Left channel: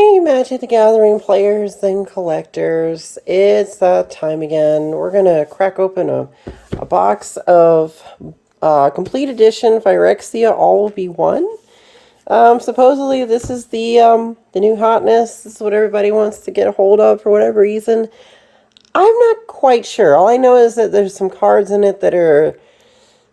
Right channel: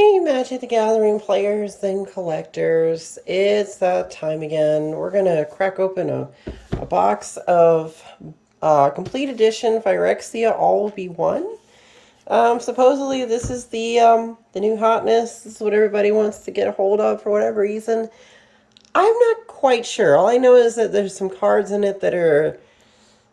Hey, Magic the Gathering players and collectors. It's that time again. We're going to crack open a box of Complete Edition Phyrexia All Will Be One. Supposedly, this is the new hotness. This is what everybody wants to get a hold of for whatever reason. I'm not quite sure. All I know is that there's some cards in it that are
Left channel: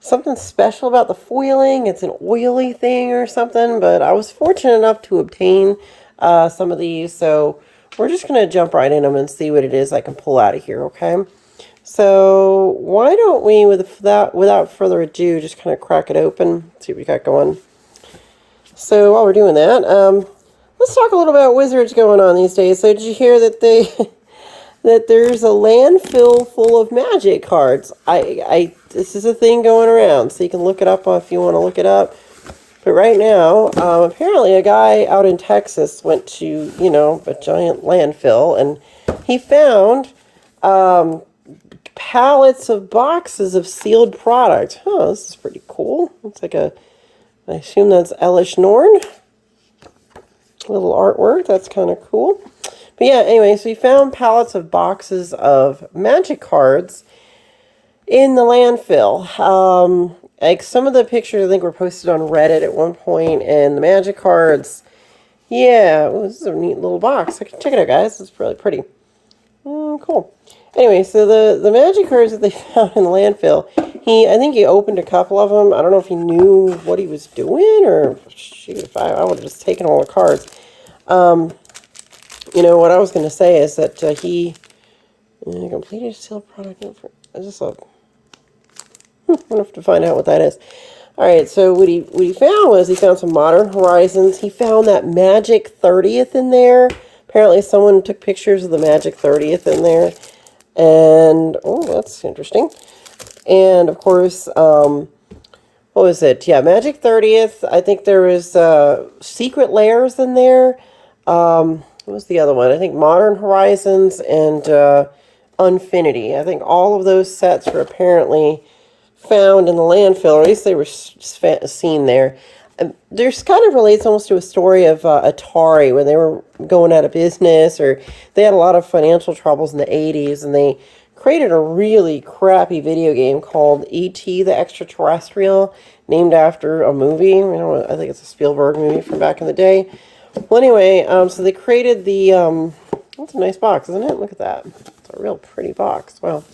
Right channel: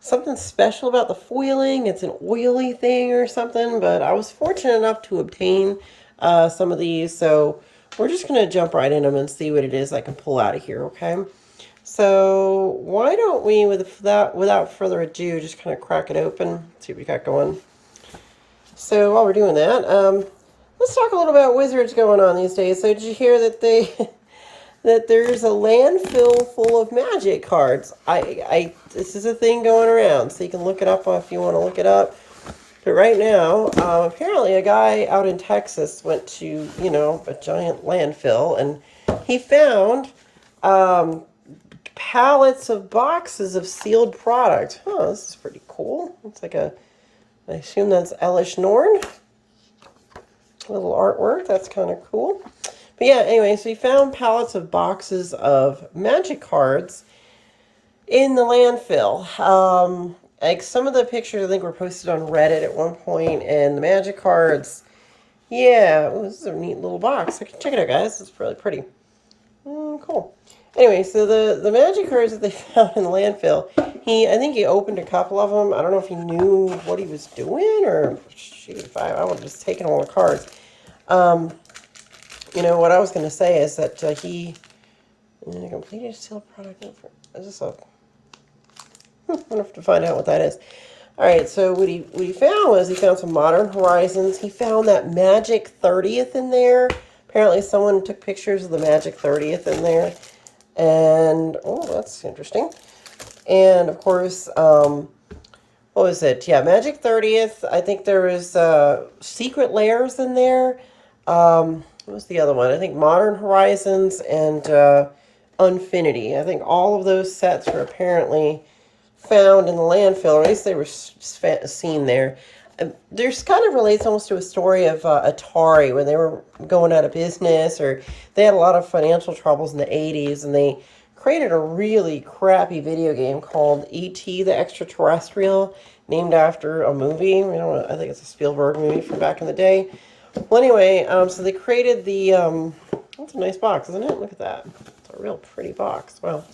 something special about the foiling. It's an oily thing or something, but I was fortunate enough to obtain some of these, so we're just going to jump right in them and see what it is I can pull out of here, okay? So why don't we, without further ado, just kind of crack it open, see what we got going. So while we're doing that, let's talk a little about Wizards going on these days. So did you hear that they that there's a landfill full of Magic cards? This is a thing going around, so you can look it up if you want to look it up. But right now, apparently a guy out in Texas went to, a giant landfill, and he found pallets of boxes of sealed product. Huh, this is pretty cool. Looks like I assume that's Elish Norn. Little artwork, that's kind of cool. But yeah, anyway, so he found pallets of boxes of Magic cards in the landfill. Like some of the pictures I think were posted on Reddit at one point, and the Magic cards, yeah, this is a neat little box. Check it out, guys. It's really pretty. Cool. Anyway, so the Magic cards that they found in the landfill, I think he opened a couple of them. I don't know if he knew what he was doing, or shoot, if I would have just taken all the cards. What I was going to say is that he completed a sealed product. Is this a... I'll have to find out what that is. All right, so what he found was he found some Modern Horizons. He found that Magic 30th in there. Apparently someone took pictures of the Magic 30th in there. And, oh, that's interesting. And, of course, what was it? Yeah, Magic 30th. I think there was Secret Lairs in there. What was the other one? I think Modern Horizons and Unfinity. I think all of those sets were apparently found in the landfill, or at least they were seen there. There's kind of relates almost to a story of Atari when they were going out of business, or they had a lot of financial troubles in the 80s, and they created a really crappy video game called E.T. the Extraterrestrial, named after a movie. I think it's a Spielberg movie from back in the day. Well, anyway, so they created that's a nice box, isn't it? Look at that. It's a real pretty box. Wow.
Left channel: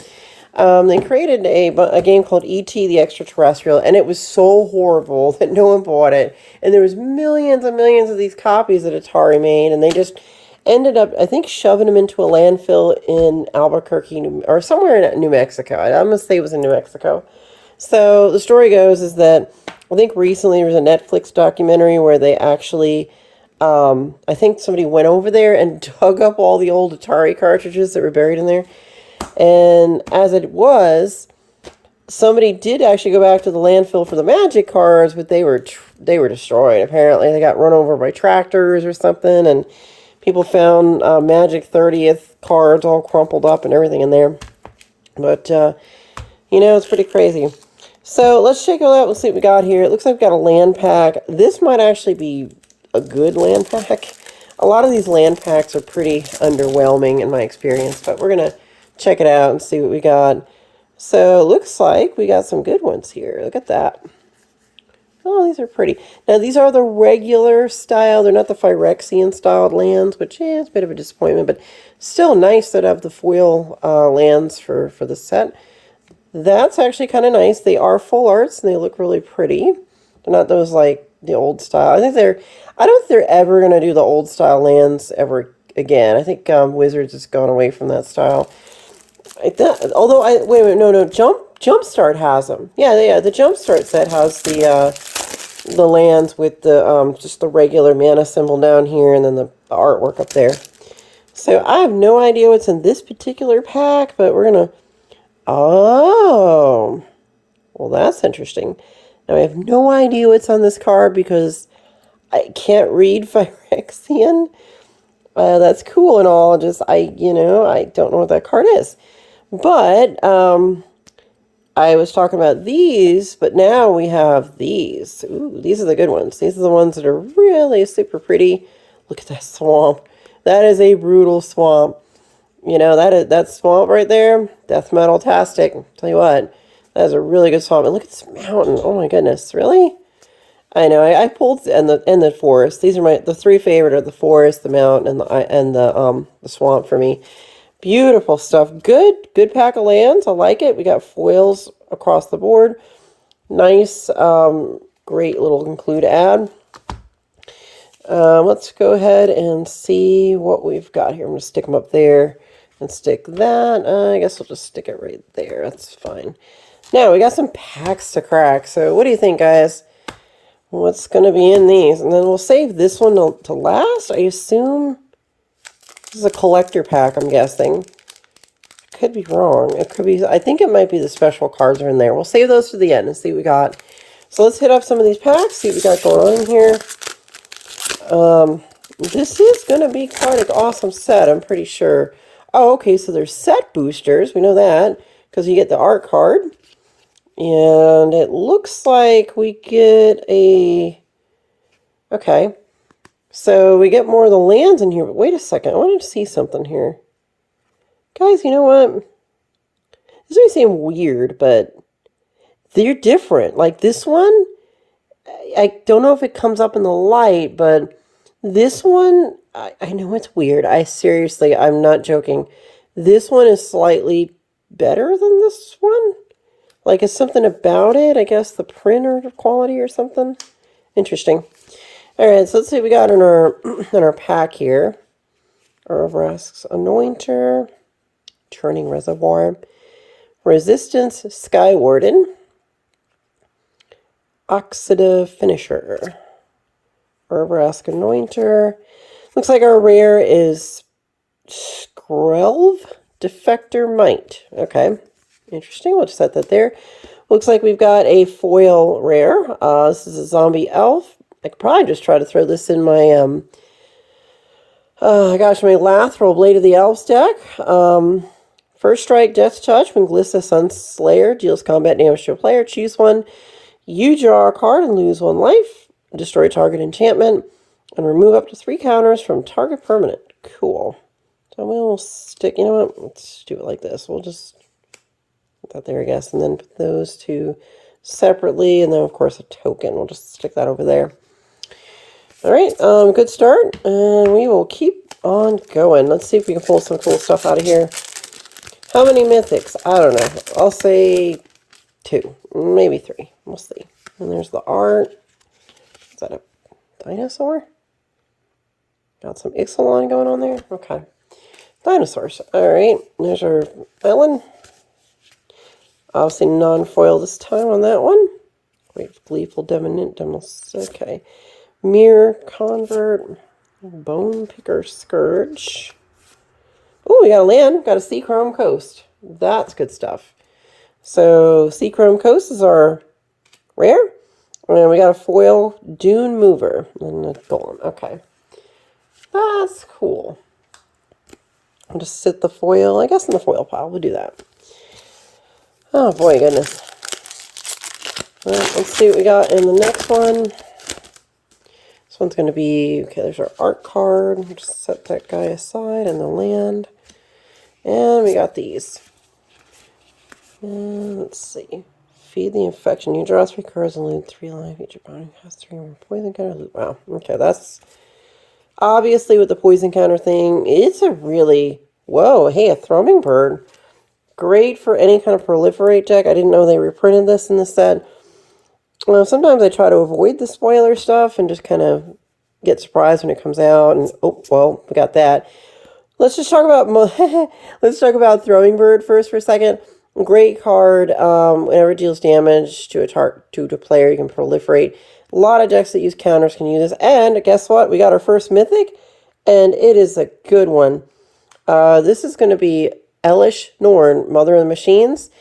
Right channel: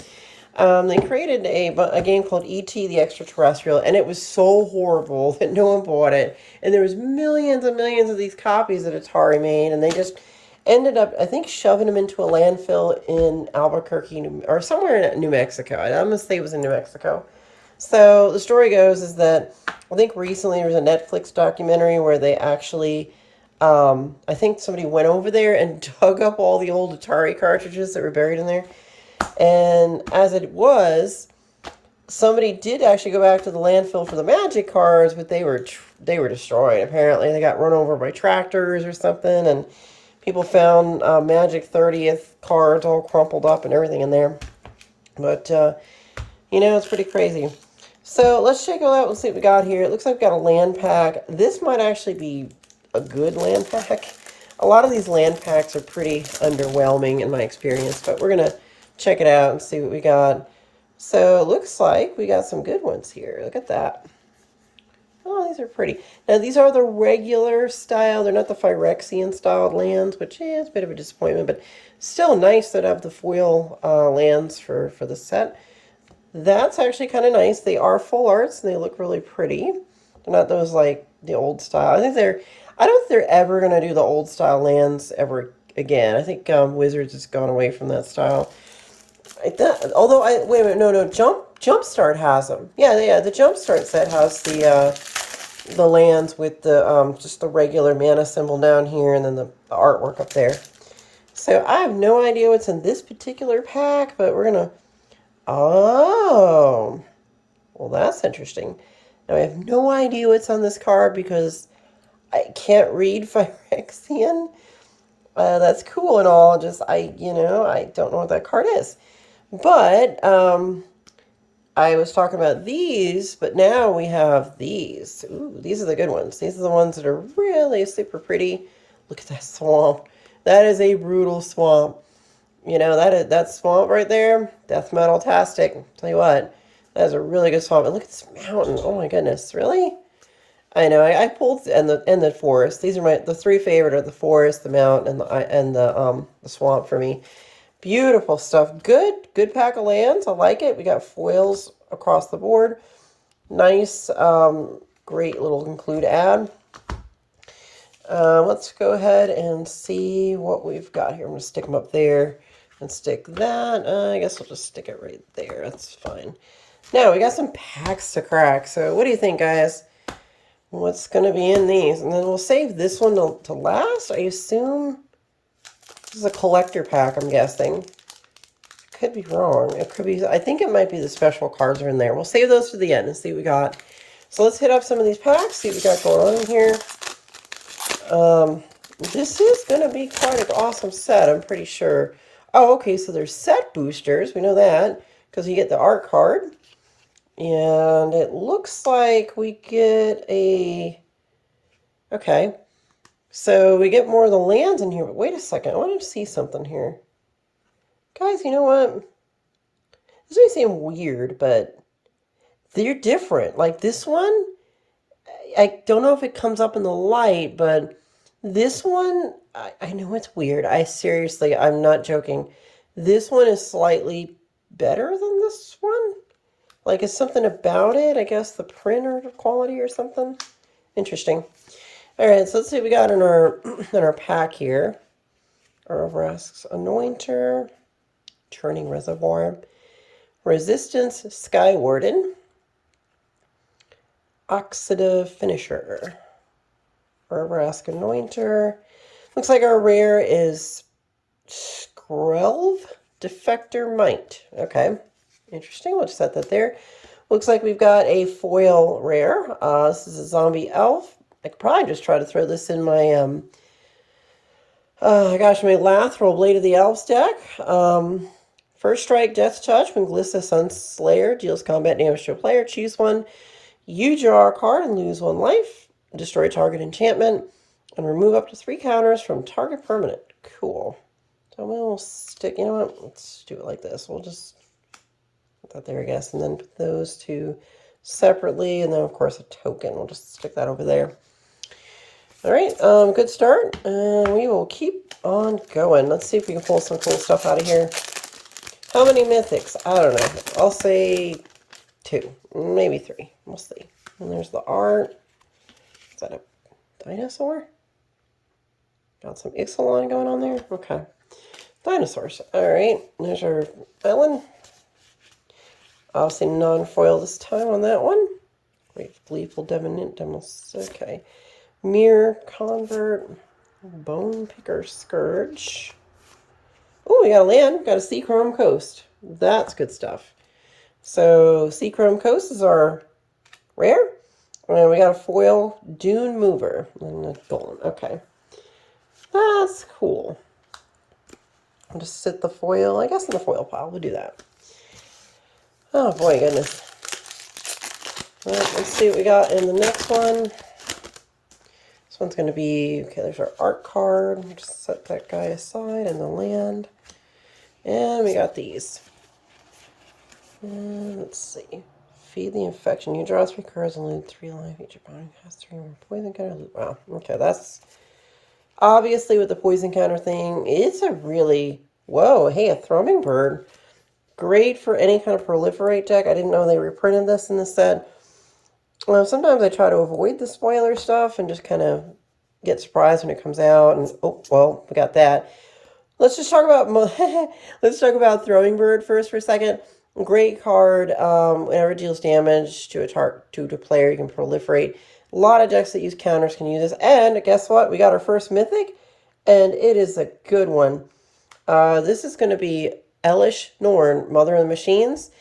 They created a game called E.T. the Extraterrestrial, and it was so horrible that no one bought it. And there was millions and millions of these copies that Atari made, and they just ended up, I think, shoving them into a landfill in Albuquerque, or somewhere in New Mexico. I'm going to say it was in New Mexico. So the story goes is that I think recently there was a Netflix documentary where they actually, I think somebody went over there and dug up all the old Atari cartridges that were buried in there. And as it was, somebody did actually go back to the landfill for the Magic cards, but they were destroyed. Apparently, they got run over by tractors or something, and people found Magic 30th cards all crumpled up and everything in there. But it's pretty crazy. So let's check it out and see what we got here. It looks like we've got a land pack. This might actually be a good land pack. A lot of these land packs are pretty underwhelming in my experience, but we're gonna check it out and see what we got. So it looks like we got some good ones here. Look at that. Oh, these are pretty. Now, these are the regular style. They're not the Phyrexian styled lands, which is a bit of a disappointment, but still nice that have the foil lands for the set. That's actually kind of nice. They are full arts, and they look really pretty. They're not those, like, the old style. I don't think they're ever going to do the old style lands ever again. I think Wizards has gone away from that style. Wait a minute, no, Jumpstart has them. Yeah, the Jumpstart set has the lands with the just the regular mana symbol down here, and then the artwork up there. So I have no idea what's in this particular pack, but we're gonna. Oh, well, that's interesting. Now I have no idea what's on this card because I can't read Phyrexian. That's cool and all. I don't know what that card is. But I was talking about these, but now we have these. Ooh, these are the good ones. These are the ones that are really super pretty. Look at that swamp. That is a brutal swamp. You know, that swamp right there, death metal-tastic. Tell you what, that is a really good swamp. And look at this mountain. Oh my goodness, really? I know. I pulled and the forest. These are the three favorite are the forest, the mountain, and the swamp for me. Beautiful stuff. Good pack of lands. I like it. We got foils across the board. Nice, great little include ad. Let's go ahead and see what we've got here. I'm going to stick them up there and stick that. I guess we'll just stick it right there. That's fine. Now, we got some packs to crack. So what do you think, guys? What's going to be in these? And then we'll save this one to last. I assume this is a collector pack, I'm guessing. Could be wrong. It could be. I think it might be the special cards are in there. We'll save those to the end and see what we got. So let's hit up some of these packs, see what we got going on in here. This is going to be quite an awesome set, I'm pretty sure. Oh, okay, so there's set boosters. We know that because you get the art card. And it looks like we get a... Okay. So we get more of the lands in here. But wait a second. I want to see something here. Guys, you know what? This may seem weird, but they're different. Like this one, I don't know if it comes up in the light, but this one, I know it's weird. I'm not joking. This one is slightly better than this one. Like, it's something about it. I guess the printer quality or something. Interesting. All right, so let's see what we got in our pack here. Urvresk's Anointer, Turning Reservoir, Resistance Sky Warden, Oxidative Finisher, Urvresk Anointer. Looks like our rare is Skrelv Defector Might. Okay. Interesting. We'll just set that there. Looks like we've got a foil rare. This is a zombie elf. I could probably just try to throw this in my my Lathril Blade of the Elves deck. First strike, Death Touch when Glissa Sunslayer deals combat damage to a player. Choose one. You draw a card and lose 1 life. Destroy target enchantment and remove up to 3 counters from target permanent. Cool. So we'll stick. You know what? Let's do it like this. We'll just that there, I guess, and then put those two separately, and then of course a token. We'll just stick that over there. All right, good start, and we will keep on going. Let's see if we can pull some cool stuff out of here. How many mythics? I don't know. I'll say 2, maybe 3. We'll see. And there's the art. Is that a dinosaur? Got some Ixalan going on there. Okay, dinosaurs. All right, there's our island. Obviously non-foil this time on that one. Great Gleeful Demoness. Okay. Mirror Convert. Bone Picker Scourge. Oh, we got a land. Got a Seachrome Coast. That's good stuff. So Seachrome Coast is our rare. And we got a foil Dune Mover. And a golem. Okay. That's cool. I'll just sit the foil, I guess, in the foil pile. We'll do that. Oh boy, goodness. Well, let's see what we got in the next one. This one's going to be, okay, there's our art card. We'll just set that guy aside and the land. And we got these. And let's see. Feed the infection. You draw 3 cards and lose 3 life. Each opponent has 3 more poison counter. Wow. Okay, that's obviously with the poison counter thing. It's a really, whoa, hey, a Thrumming Bird. Great for any kind of proliferate deck. I didn't know they reprinted this in the set. Well, sometimes I try to avoid the spoiler stuff and just kind of get surprised when it comes out. And oh, well, we got that. Let's just talk about let's talk about Throwing Bird first for a second. Great card. Whenever it deals damage to a player, you can proliferate. A lot of decks that use counters can use this. And guess what? We got our first mythic, and it is a good one. This is going to be Elish Norn, Mother of the Machines.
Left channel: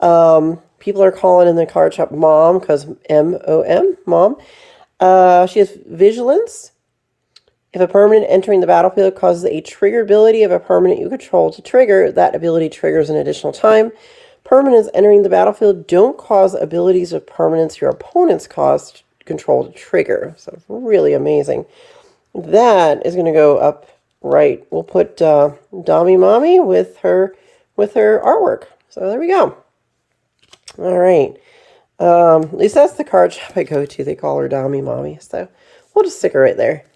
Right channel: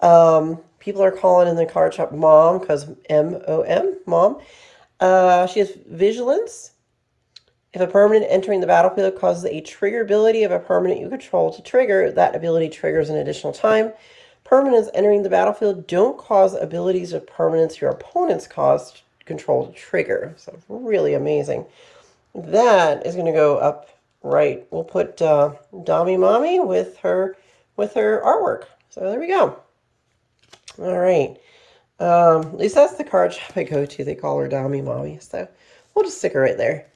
People are calling in the card shop Mom because M-O-M, Mom. She has Vigilance. If a permanent entering the battlefield causes a trigger ability of a permanent you control to trigger, that ability triggers an additional time. Permanents entering the battlefield don't cause abilities of permanents your opponents control to trigger. So really amazing. That is going to go up right. We'll put Dami Mommy with her artwork. So there we go. All right. At least that's the card shop I go to. They call her Dami Mommy. So we'll just stick her right there.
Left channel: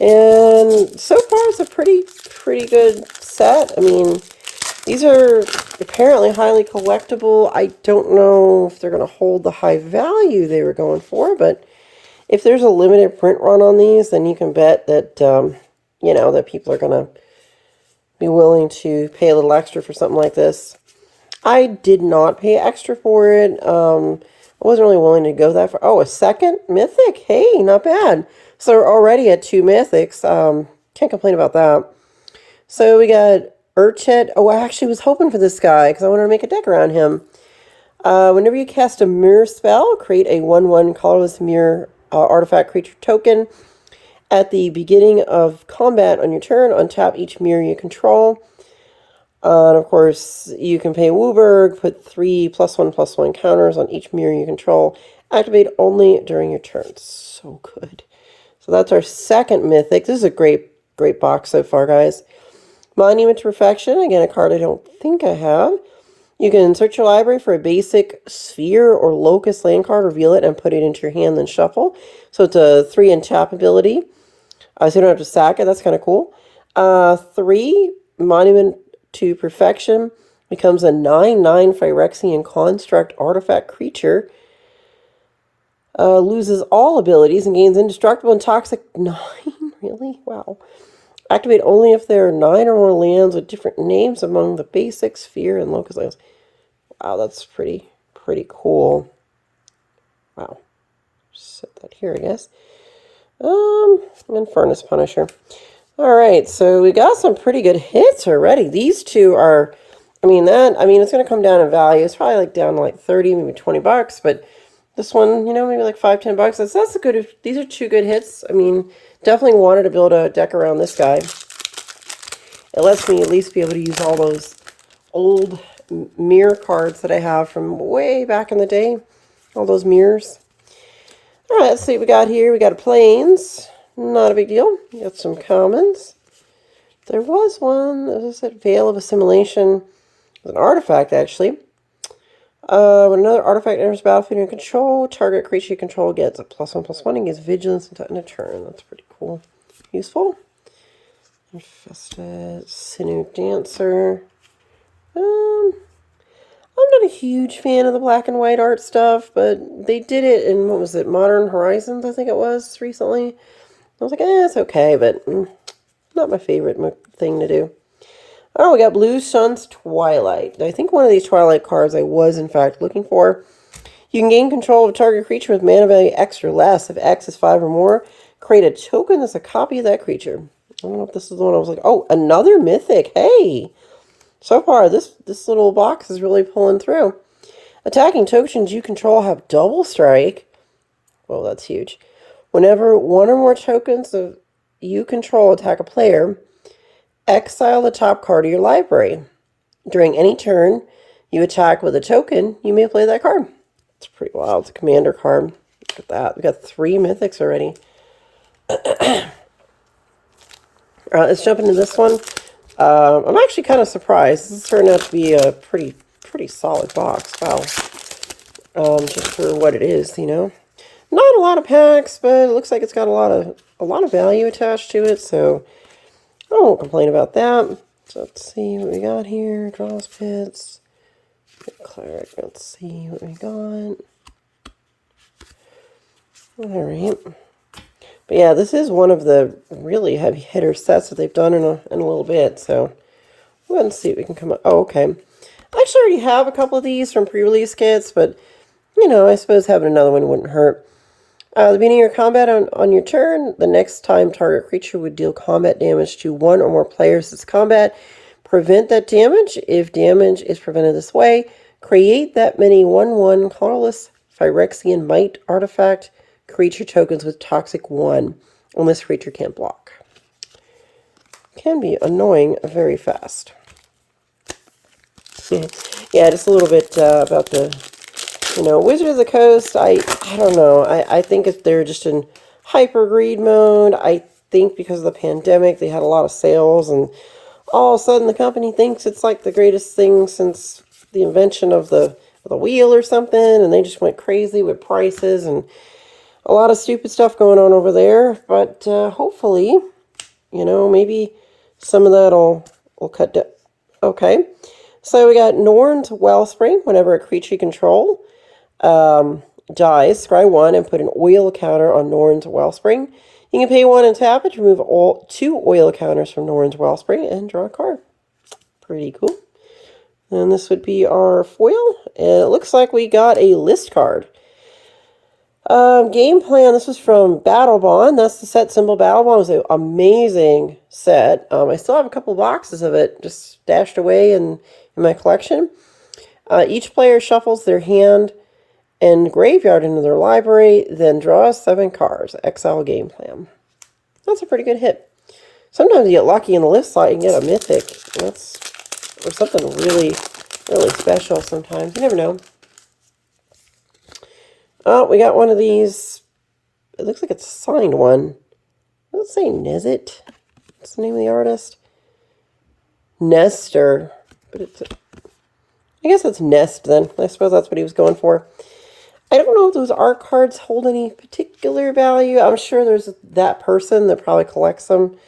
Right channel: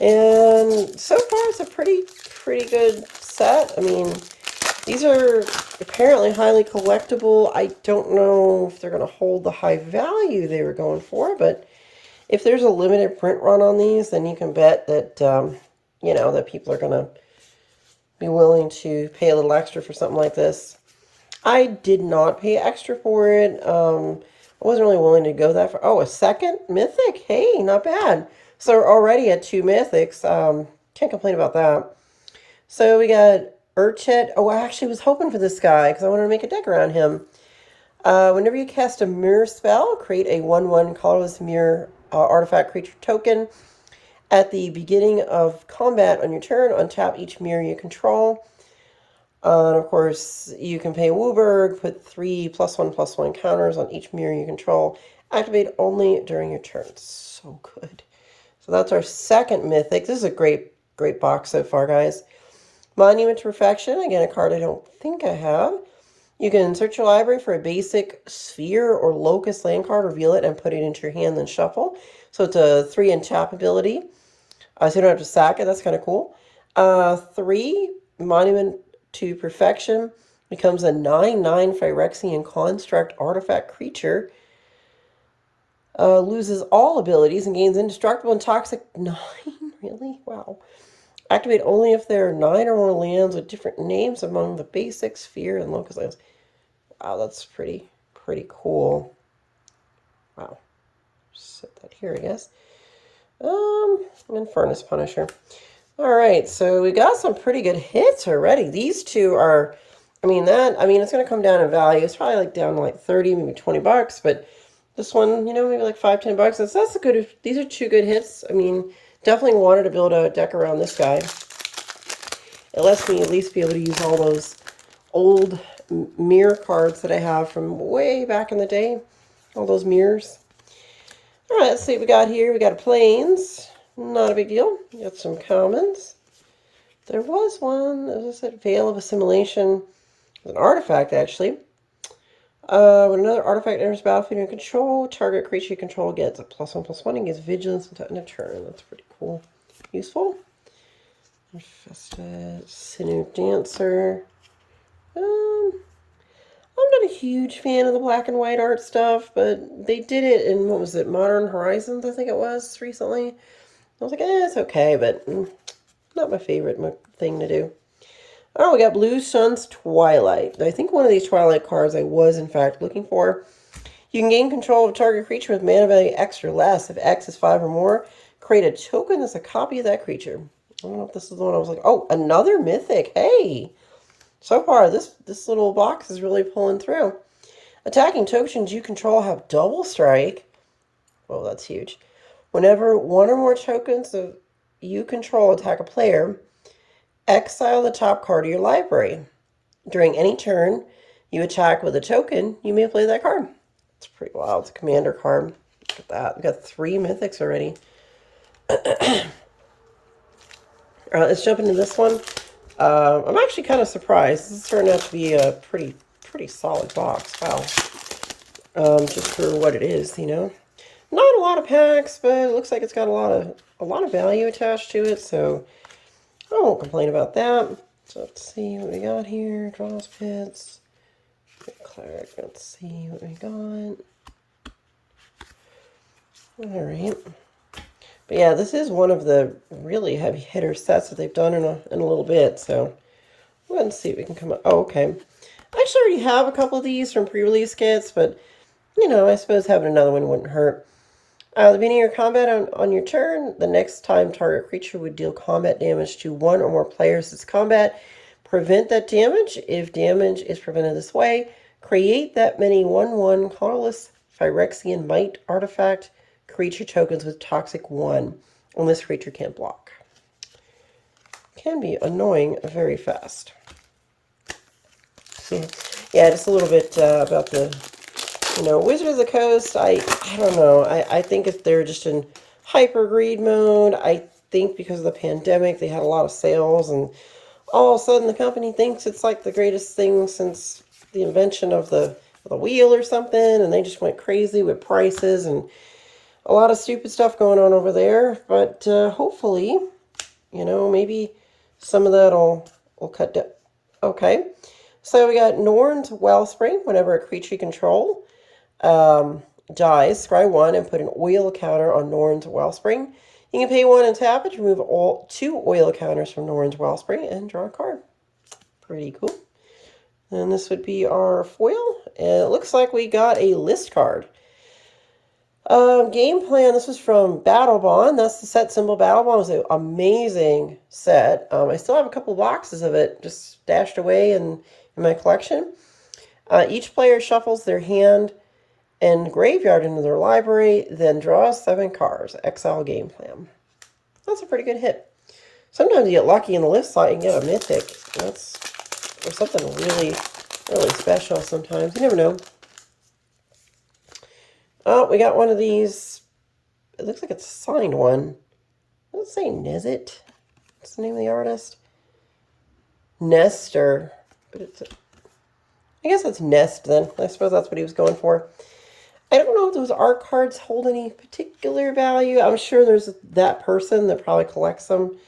And so far it's a pretty good set. I mean, these are apparently highly collectible. I don't know if they're going to hold the high value they were going for, but if there's a limited print run on these, then you can bet that, you know, that people are going to be willing to pay a little extra for something like this. I did not pay extra for it. I wasn't really willing to go that far. Oh, a second mythic. Hey, not bad. So we're already at 2 mythics. Can't complain about that. So we got Urchet. Oh, I actually was hoping for this guy because I wanted to make a deck around him. Whenever you cast a mirror spell, create a 1/1 colorless mirror artifact creature token. At the beginning of combat on your turn, untap each mirror you control. And of course, you can pay Wooburg, put 3 +1/+1 counters on each mirror you control. Activate only during your turn. So good. So that's our second mythic. This is a great box so far, guys. Monument to Perfection. Again, a card I don't think I have. You can search your library for a basic sphere or locust land card, reveal it, and put it into your hand, then shuffle. So it's a 3 untap ability. So you don't have to sack it. That's kind of cool. 3, Monument to Perfection. Becomes a 9/9 Phyrexian construct artifact creature. Loses all abilities and gains indestructible and toxic 9. Really? Wow. Activate only if there are 9 or more lands with different names among the basic sphere and locust lands. Wow, that's pretty cool. Wow. Set that here, I guess. And Furnace Punisher. All right, so we got some pretty good hits already. These two are, I mean, it's going to come down in value. It's probably like down to like 30, maybe 20 bucks, but this one, you know, maybe like 5, 10 bucks. That's a good, these are 2 good hits. I mean, definitely wanted to build a deck around this guy. It lets me at least be able to use all those old mirror cards that I have from way back in the day. All those mirrors. All right, let's see what we got here. We got a Plains. Not a big deal. We got some commons. There was one, as I said, Veil of Assimilation. It's an artifact, actually. When another artifact enters battlefield under control, target creature you control gets a +1/+1 and gets vigilance until end of turn. That's pretty cool. Useful. Infested, Sinew Dancer. I'm not a huge fan of the black and white art stuff, but they did it in, what was it, Modern Horizons, I think it was, recently. I was like, it's okay, but not my favorite thing to do. Oh, we got Blue Sun's Twilight. I think one of these Twilight cards I was, in fact, looking for. You can gain control of a target creature with mana value X or less. If X is 5 or more, create a token that's a copy of that creature. I don't know if this is the one I was like, oh, another mythic. Hey! So far, this little box is really pulling through. Attacking tokens you control have double strike. Well, that's huge. Whenever 1 or more tokens of you control attack a player, exile the top card of your library. During any turn you attack with a token, you may play that card. It's pretty wild. It's a commander card. Look at that. We got 3 mythics already. All right, let's jump into this one. I'm actually kind of surprised. This is turning out to be a pretty solid box. Wow. Just for what it is, you know. Not a lot of packs, but it looks like it's got a lot of value attached to it, so I won't complain about that. So let's see what we got here. Draws pits. Cleric. Let's see what we got. All right. But yeah, this is one of the really heavy hitter sets that they've done in a little bit. So we'll go ahead and see what we can come up. Oh, okay. I actually already have a couple of these from pre-release kits, but you know, I suppose having another one wouldn't hurt. At the beginning of your combat on your turn, the next time target creature would deal combat damage to 1 or more players this combat. Prevent that damage. If damage is prevented this way, create that many 1/1 colorless Phyrexian Might artifact creature tokens with toxic 1, and this creature can't block. Can be annoying very fast. Yeah, just a little bit about the, you know, Wizard of the Coast. I don't know. I think if they're just in hyper greed mode, I think because of the pandemic, they had a lot of sales, and all of a sudden the company thinks it's like the greatest thing since the invention of the wheel or something, and they just went crazy with prices and a lot of stupid stuff going on over there. But hopefully, you know, maybe some of that will cut down. Okay, so we got Norn's Wellspring. Whenever a creature you control dies, scry 1 and put an oil counter on Norn's Wellspring. You can pay 1 and tap it to remove all 2 oil counters from Norn's Wellspring and draw a card. Pretty cool. And this would be our foil. And it looks like we got a list card. Game plan. This was from Battle Bond. That's the set symbol. Battle Bond was an amazing set. I still have a couple boxes of it just stashed away in my collection. Each player shuffles their hand and graveyard into their library, then draws 7 cards. Exile game plan. That's a pretty good hit. Sometimes you get lucky in the list slot, you can get a mythic. Or something really, really special sometimes. You never know. Oh, we got one of these. It looks like it's a signed one. Let's say Nezit. What's the name of the artist? Nestor. But it's I guess it's Nest then. I suppose that's what he was going for. I don't know if those art cards hold any particular value. I'm sure there's that person that probably collects them.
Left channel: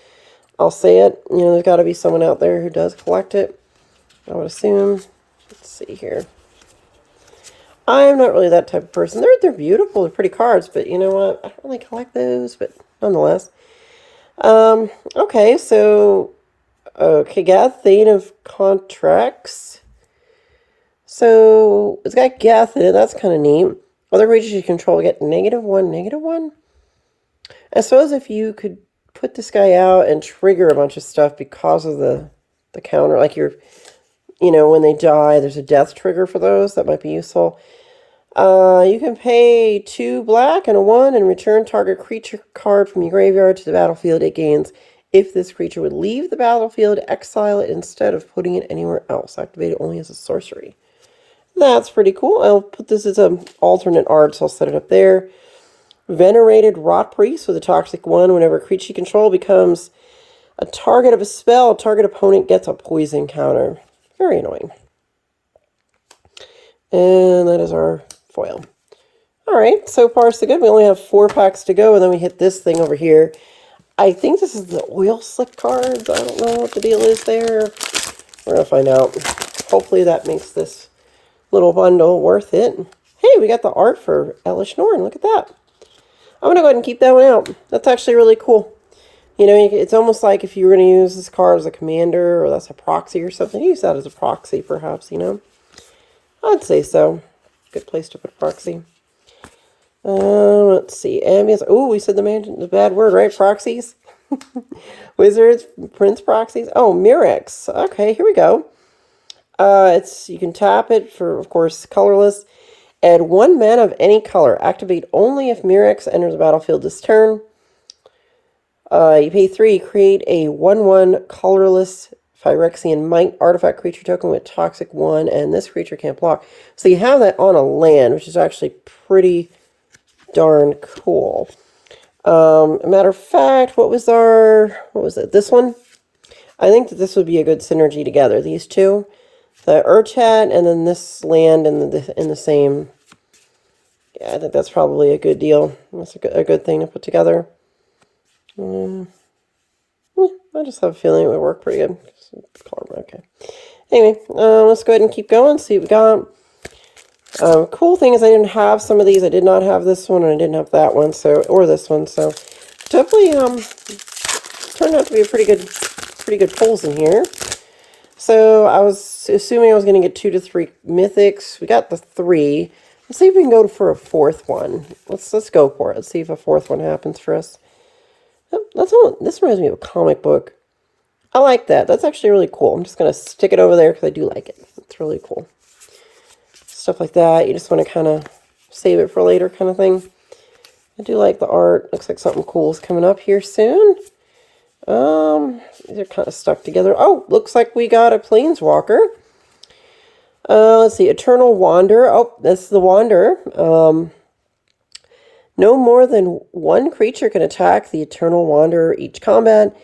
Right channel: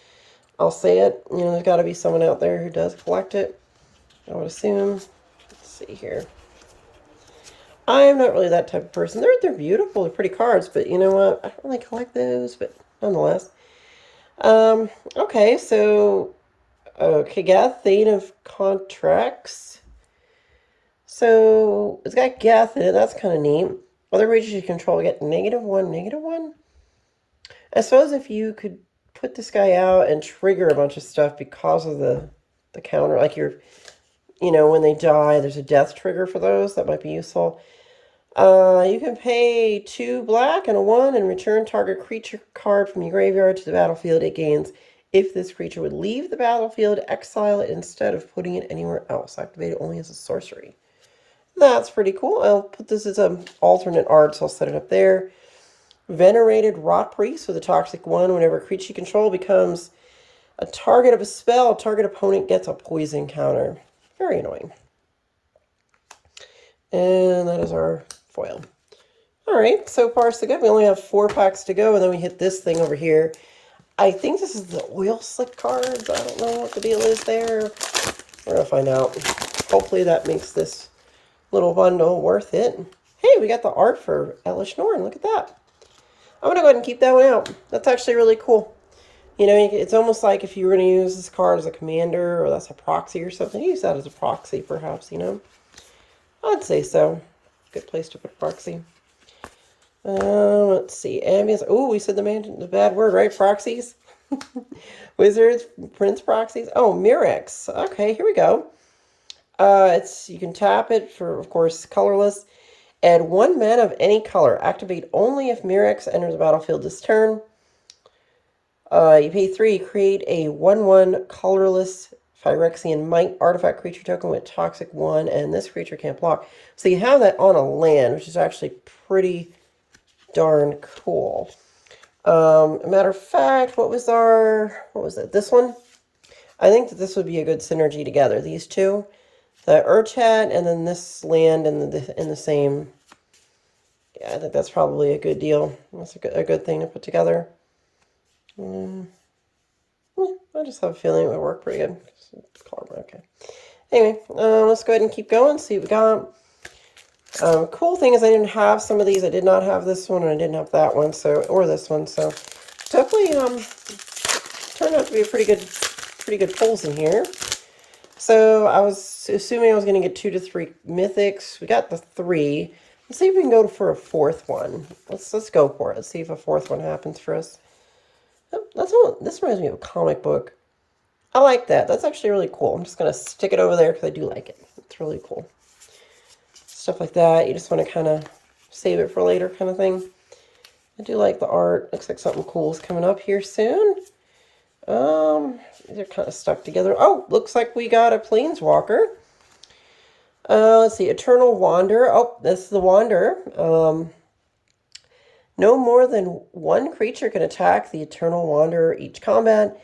I'll say it. You know, there's got to be someone out there who does collect it. I would assume. Let's see here. I'm not really that type of person. They're beautiful. They're pretty cards, but you know what? I don't really collect those, but nonetheless. Okay, so Kagath, Thane of Contracts. So it's got Gath in it. That's kind of neat. Other creatures you control get -1, -1. I suppose if you could put this guy out and trigger a bunch of stuff because of the counter, like you know, when they die, there's a death trigger for those. That might be useful. You can pay 2 black and a 1 and return target creature card from your graveyard to the battlefield. It gains if this creature would leave the battlefield, exile it instead of putting it anywhere else. Activate it only as a sorcery. That's pretty cool. I'll put this as an alternate art, so I'll set it up there. Venerated Rot Priest with a toxic 1. Whenever a creature you control becomes a target of a spell, target opponent gets a poison counter. Very annoying. And that is our foil. Alright, so far so good. We only have 4 packs to go, and then we hit this thing over here. I think this is the oil slick cards. I don't know what the deal is there. We're going to find out. Hopefully that makes this little bundle worth it. Hey, we got the art for Elish Norn. Look at that. I'm going to go ahead and keep that one out. That's actually really cool. You know, it's almost like if you were going to use this card as a commander, or that's a proxy or something, use that as a proxy perhaps, you know. I'd say so. Good place to put proxy. Let's see. Ambience. Oh, we said the bad word, right? Proxies. Wizards, Prince proxies. Oh, Mirex. Okay, here we go. You can tap it for, of course, colorless. Add 1 mana of any color. Activate only if Mirex enters the battlefield this turn. You pay 3. Create a 1/1 colorless Phyrexian Might artifact creature token with toxic 1, and this creature can't block. So you have that on a land, which is actually pretty darn cool. A matter of fact, what was it? This one? I think that this would be a good synergy together. These two, the Urchat and then this land in the same. Yeah, I think that's probably a good deal. That's a good thing to put together. I just have a feeling it would work pretty good. Okay. Anyway, let's go ahead and keep going. See what we got. Cool thing is I didn't have some of these. I did not have this one, and I didn't have that one, or this one. So definitely turned out to be a pretty good pulls in here. So I was assuming I was going to get 2 to 3 mythics. We got the 3. Let's see if we can go for a 4th one. Let's go for it. Let's see if a 4th one happens for us. This reminds me of a comic book. I like that. That's actually really cool. I'm just going to stick it over there because I do like it. It's really cool. Stuff like that. You just want to kind of save it for later kind of thing. I do like the art. Looks like something cool is coming up here soon. These are kind of stuck together. Oh, looks like we got a Planeswalker. Let's see. Eternal Wanderer. Oh, that's the Wanderer. No more than one creature can attack the Eternal Wanderer each combat.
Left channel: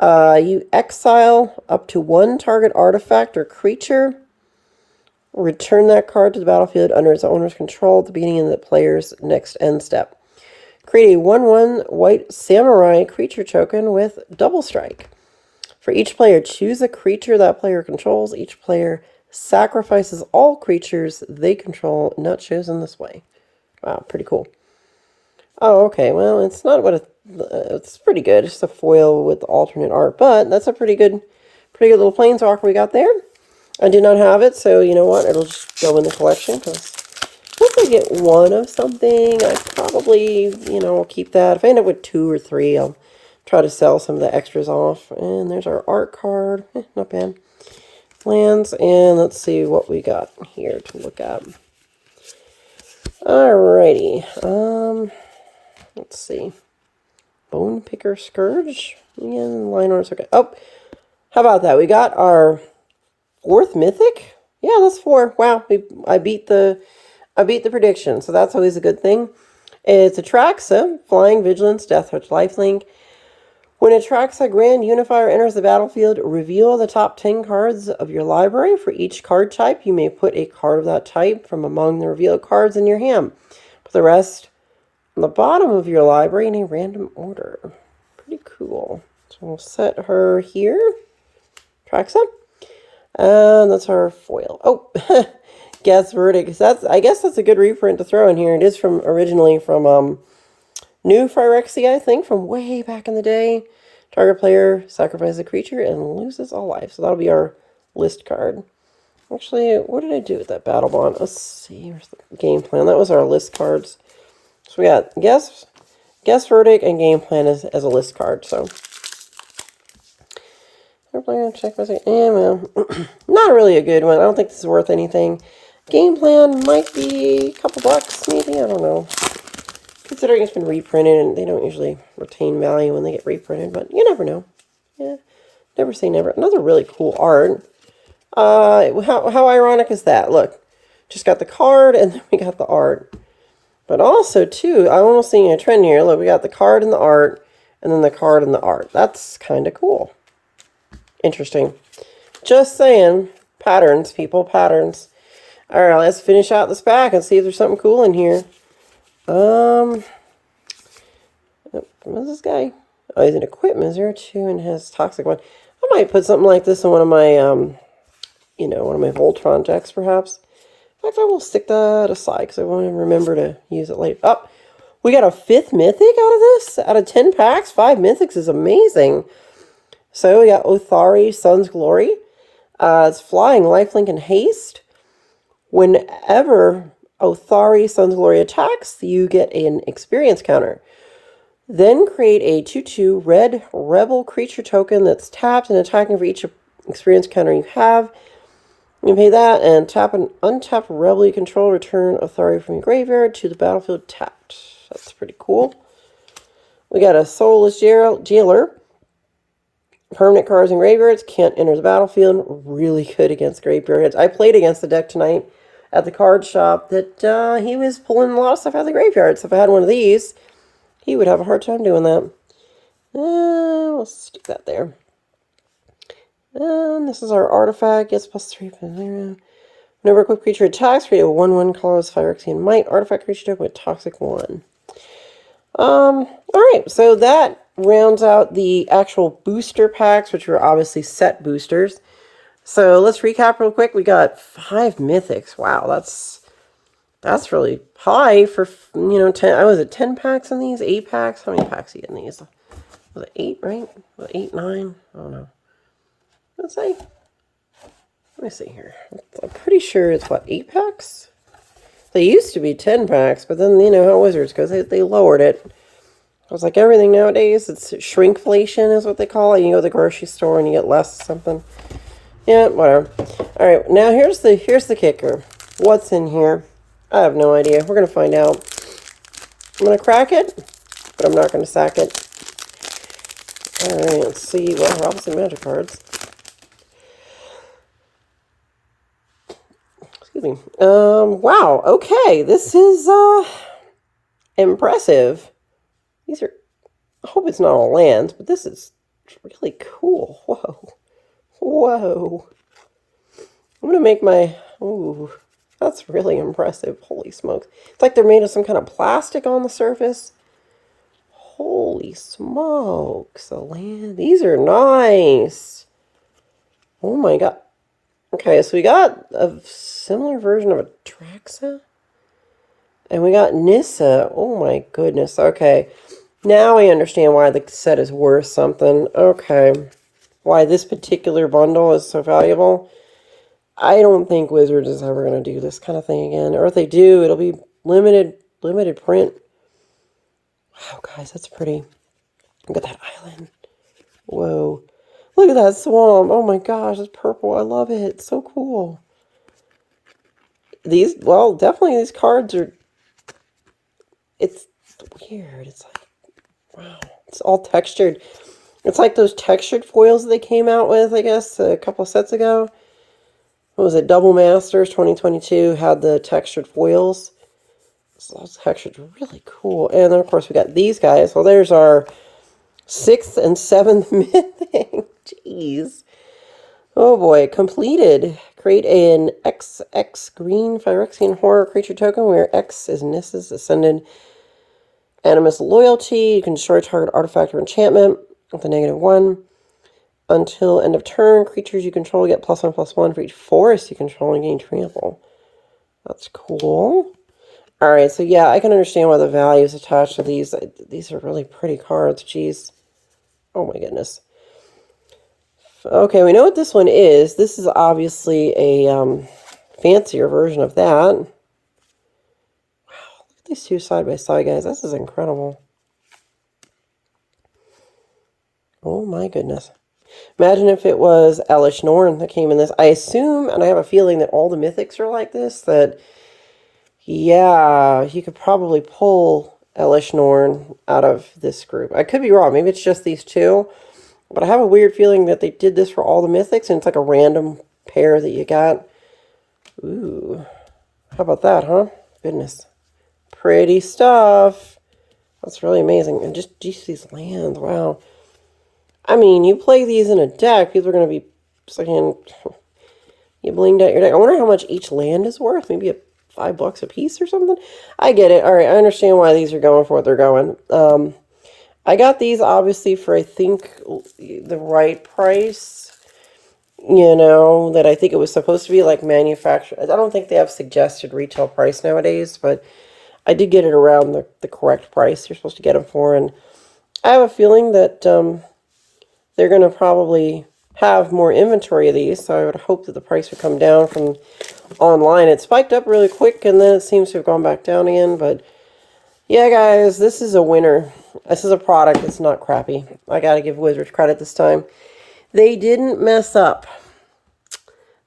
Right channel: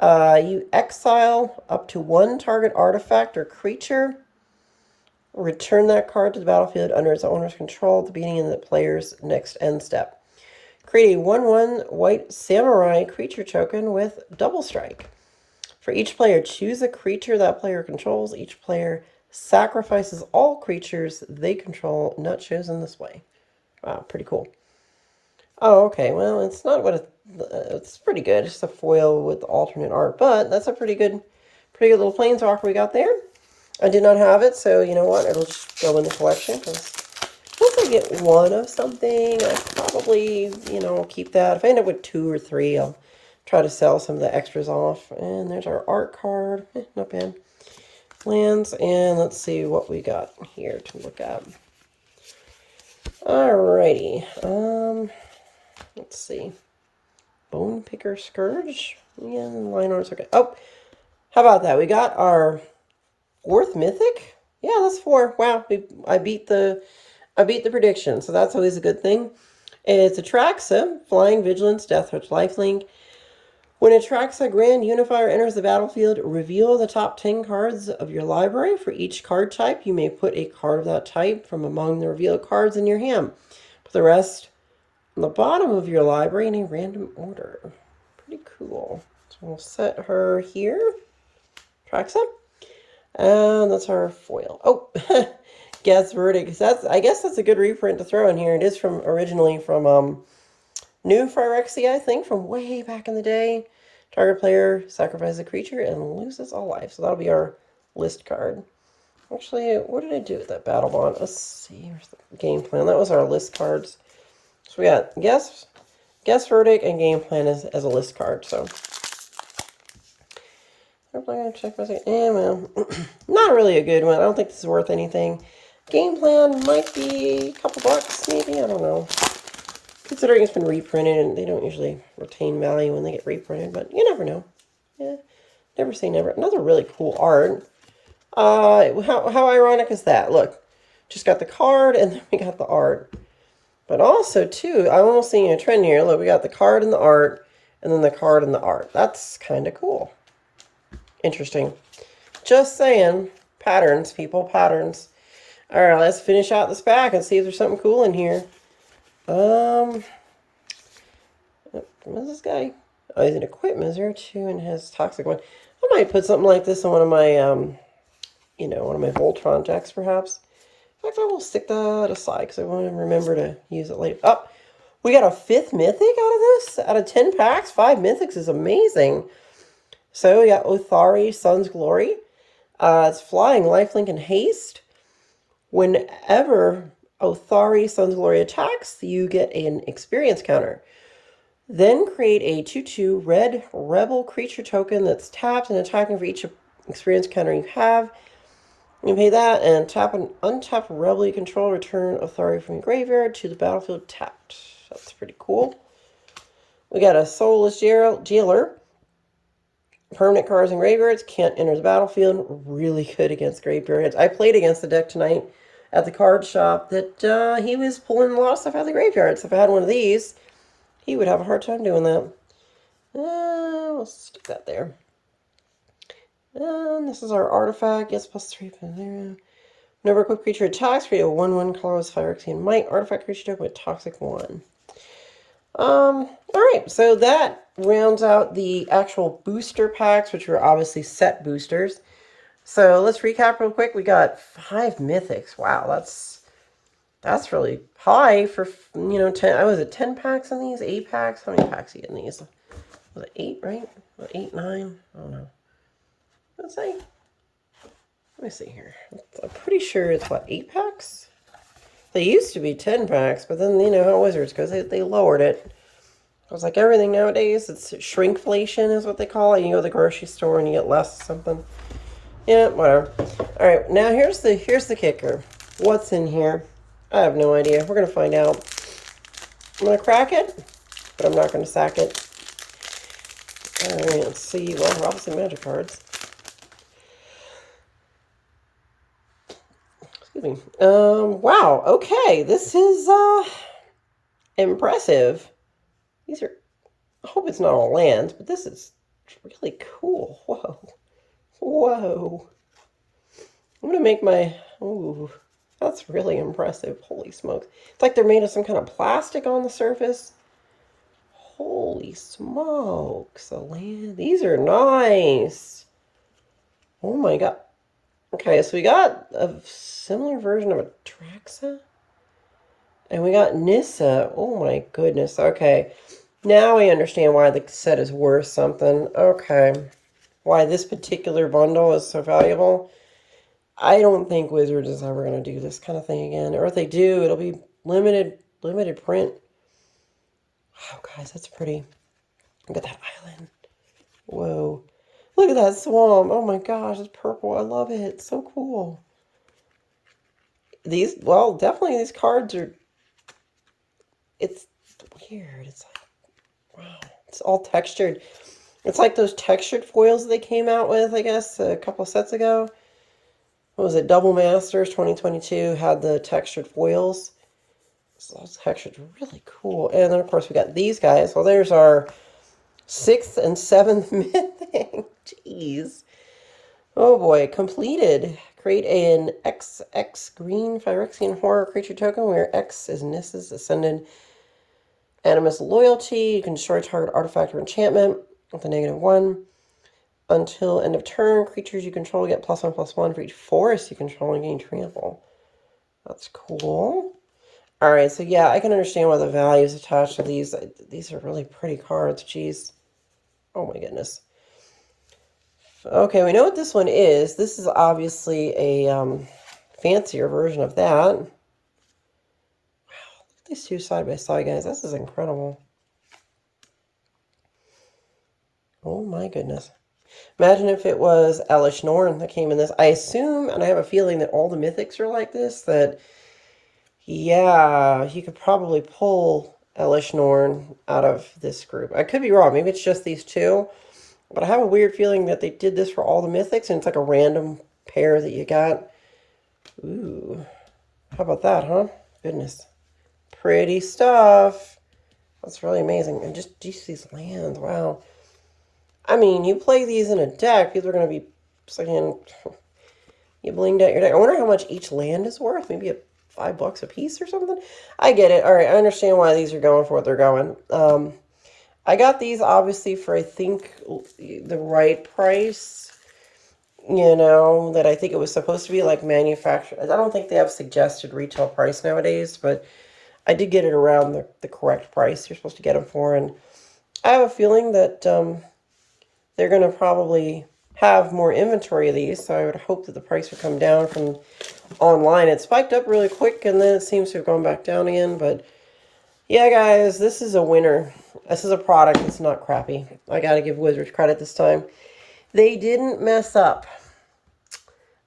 You exile up to one target artifact or creature. Return that card to the battlefield under its owner's control at the beginning of the player's next end step. Create a 1/1 white samurai creature token with double strike. For each player, choose a creature that player controls. Each player sacrifices all creatures they control not chosen this way. Wow, pretty cool. Oh, okay. Well, it's not what it's pretty good. It's a foil with alternate art, but that's a pretty good little planeswalker we got there. I did not have it, so you know what? It'll just go in the collection because once I get one of something, I probably, will keep that. If I end up with 2 or 3, I'll try to sell some of the extras off. And there's our art card. Not bad. Lands, and let's see what we got here to look at. Alrighty. Let's see. Bone Picker Scourge. Again, line art's okay. Oh, how about that? We got our 4th mythic. Yeah, that's 4. Wow, I beat the prediction, so that's always a good thing. It's Atraxa, Flying, Vigilance, Deathwatch, Lifelink. When Atraxa Grand Unifier enters the battlefield, reveal the top 10 cards of your library. For each card type, you may put a card of that type from among the revealed cards in your hand. Put the rest on the bottom of your library in a random order. Pretty cool. So we'll set her here. Atraxa. And that's our foil. Oh, Guess Verdict. I guess that's a good reprint to throw in here. It is originally from New Phyrexia, I think, from way back in the day. Target player sacrifices a creature and loses all life. So that'll be our list card. Actually, what did I do with that battle bond? Let's see. Here's the game plan. That was our list cards. So we got Guess Verdict and Game Plan as a list card. So check my not really a good one. I don't think this is worth anything. Game Plan might be a couple bucks, maybe. I don't know. Considering it's been reprinted, and they don't usually retain value when they get reprinted, but you never know. Yeah, never say never. Another really cool art. How ironic is that? Look, just got the card, and then we got the art. But also, too, I'm almost seeing a trend here. Look, we got the card and the art, and then the card and the art. That's kind of cool. Interesting. Just saying. Patterns, people, patterns. All right, let's finish out this pack and see if there's something cool in here. What's this guy? Oh, he's an equipment 02 and has toxic one. I might put something like this in one of my, one of my Voltron decks, perhaps. In fact, I will stick that aside because I want to remember to use it later. Oh, we got a 5th mythic out of this? Out of 10 packs, 5 mythics is amazing. So we got Othari, Sun's Glory. It's flying, lifelink, and haste. Whenever Othari, Sun's Glory attacks, you get an experience counter. Then create a 2/2 red rebel creature token that's tapped and attacking for each experience counter you have. You pay that and tap an untapped rebel you control. Return Authority from your graveyard to the battlefield tapped. That's pretty cool. We got a Soulless Jailer. Permanent cards in graveyards can't enter the battlefield. Really good against graveyards. I played against the deck tonight at the card shop that he was pulling a lot of stuff out of the graveyard. So if I had one of these, he would have a hard time doing that. We'll stick that there. And this is our artifact. Gets +3. Whenever a equipped creature attacks, create a 1/1 colorless Phyrexian Might artifact creature token with toxic 1. Alright, so that rounds out the actual booster packs, which were obviously set boosters. So let's recap real quick. We got 5 mythics. Wow, that's really high for, 10. Was it 10 packs in these? 8 packs? How many packs are you in these? Was it 8, right? Was it 8, 9? I don't know. Let's see. Let me see here. I'm pretty sure it's, 8 packs? They used to be 10 packs, but then, how Wizards goes. They lowered it. It was like everything nowadays. It's shrinkflation is what they call it. You go to the grocery store and you get less something. Yeah, whatever. All right, now here's the kicker. What's in here? I have no idea. We're going to find out. I'm going to crack it, but I'm not going to sack it. All right, let's see. Well, obviously magic cards. Excuse me. Wow, okay. This is, Impressive. These are, I hope it's not all lands, but this is really cool. Whoa. Whoa. I'm going to make my, ooh, that's really impressive. Holy smokes. It's like they're made of some kind of plastic on the surface. Holy smokes. The land, these are nice. Oh my God. Okay, so we got a similar version of a Phyrexia. And we got Nissa. Oh my goodness. Okay. Now I understand why the set is worth something. Okay. Why this particular bundle is so valuable. I don't think Wizards is ever going to do this kind of thing again. Or if they do, it'll be limited print. Wow, guys, that's pretty. Look at that island. Whoa. Look at that swamp. Oh my gosh, it's purple. I love it. It's so cool. These, well, definitely these cards are, it's weird. It's like, wow. It's all textured. It's like those textured foils that they came out with, I guess, a couple sets ago. What was it? Double Masters 2022 had the textured foils. So those textures are really cool. And then, of course, we got these guys. So there's our 6th and 7th mythic. Jeez. Oh boy. Completed. Create an XX green Phyrexian horror creature token where X is Nissa's Ascended Animus Loyalty. You can destroy target artifact or enchantment with a -1. Until end of turn, creatures you control get +1/+1 for each forest you control and gain trample. That's cool. Alright, so yeah, I can understand why the value is attached to these. These are really pretty cards. Jeez. Oh my goodness. Okay, we know what this one is. This is obviously a fancier version of that. Wow, look at these two side by side, guys. This is incredible. Oh my goodness. Imagine if it was Elish Norn that came in this. I assume, and I have a feeling that all the mythics are like this, that, yeah, you could probably pull Elish Norn out of this group. I could be wrong. Maybe it's just these two. But I have a weird feeling that they did this for all the mythics, and it's like a random pair that you got. Ooh. How about that, huh? Goodness. Pretty stuff. That's really amazing. And just these lands, wow. I mean, you play these in a deck, people are going to be saying, you blinged out your deck. I wonder how much each land is worth. Maybe $5 a piece or something. I get it. All right, I understand why these are going for what they're going. I got these obviously for, I think, the right price. You know, that I think it was supposed to be like manufactured. I don't think they have suggested retail price nowadays, but I did get it around the correct price you're supposed to get them for. And I have a feeling that they're going to probably have more inventory of these, so I would hope that the price would come down from online. It spiked up really quick, and then it seems to have gone back down again, but yeah, guys, this is a winner. This is a product that's not crappy. I got to give Wizards credit this time. They didn't mess up.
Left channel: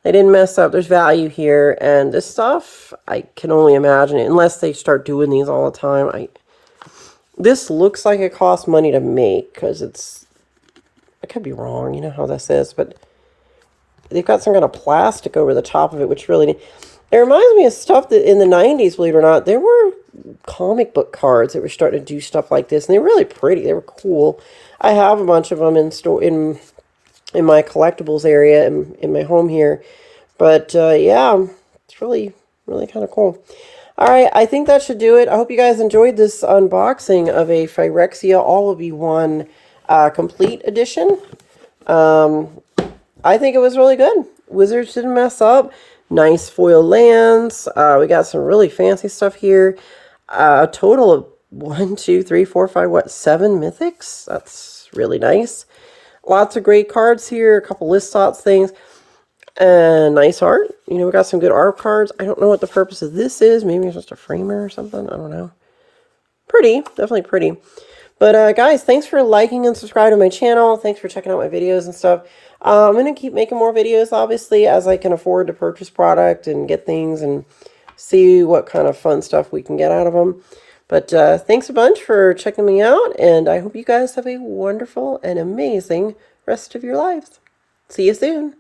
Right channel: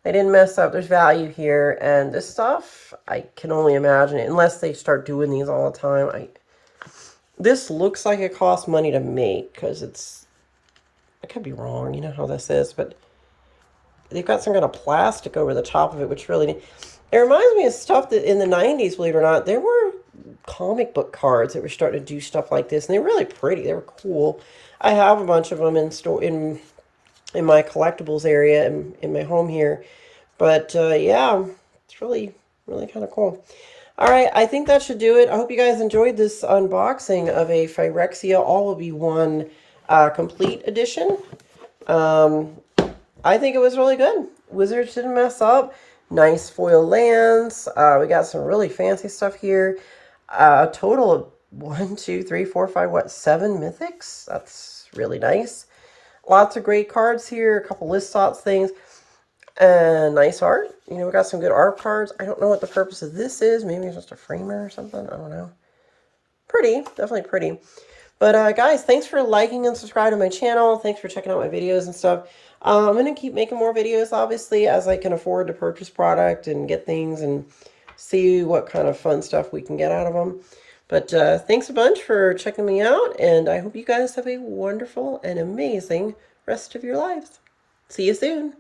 They didn't mess up. There's value here, and this stuff, I can only imagine it, unless they start doing these all the time. This looks like it costs money to make, because it's, I could be wrong, you know how this is, but they've got some kind of plastic over the top of it, which really, it reminds me of stuff that in the 90s, believe it or not, there were comic book cards that were starting to do stuff like this, and they were really pretty. They were cool. I have a bunch of them in my collectibles area in my home here, but yeah, it's really kind of cool. All right, I think that should do it. I hope you guys enjoyed this unboxing of a Phyrexia All-of-You-One Complete Edition. I think it was really good. Wizards didn't mess up. Nice foil lands. We got some really fancy stuff here. A total of 1, 2, 3, 4, 5, what, 7 mythics? That's really nice. Lots of great cards here. A couple list slots things. And nice art. You know, we got some good art cards. I don't know what the purpose of this is. Maybe it's just a framer or something. I don't know. Pretty. Definitely pretty. But guys, thanks for liking and subscribing to my channel. Thanks for checking out my videos and stuff. I'm going to keep making more videos, obviously, as I can afford to purchase product and get things and see what kind of fun stuff we can get out of them. But thanks a bunch for checking me out, and I hope you guys have a wonderful and amazing rest of your lives. See you soon.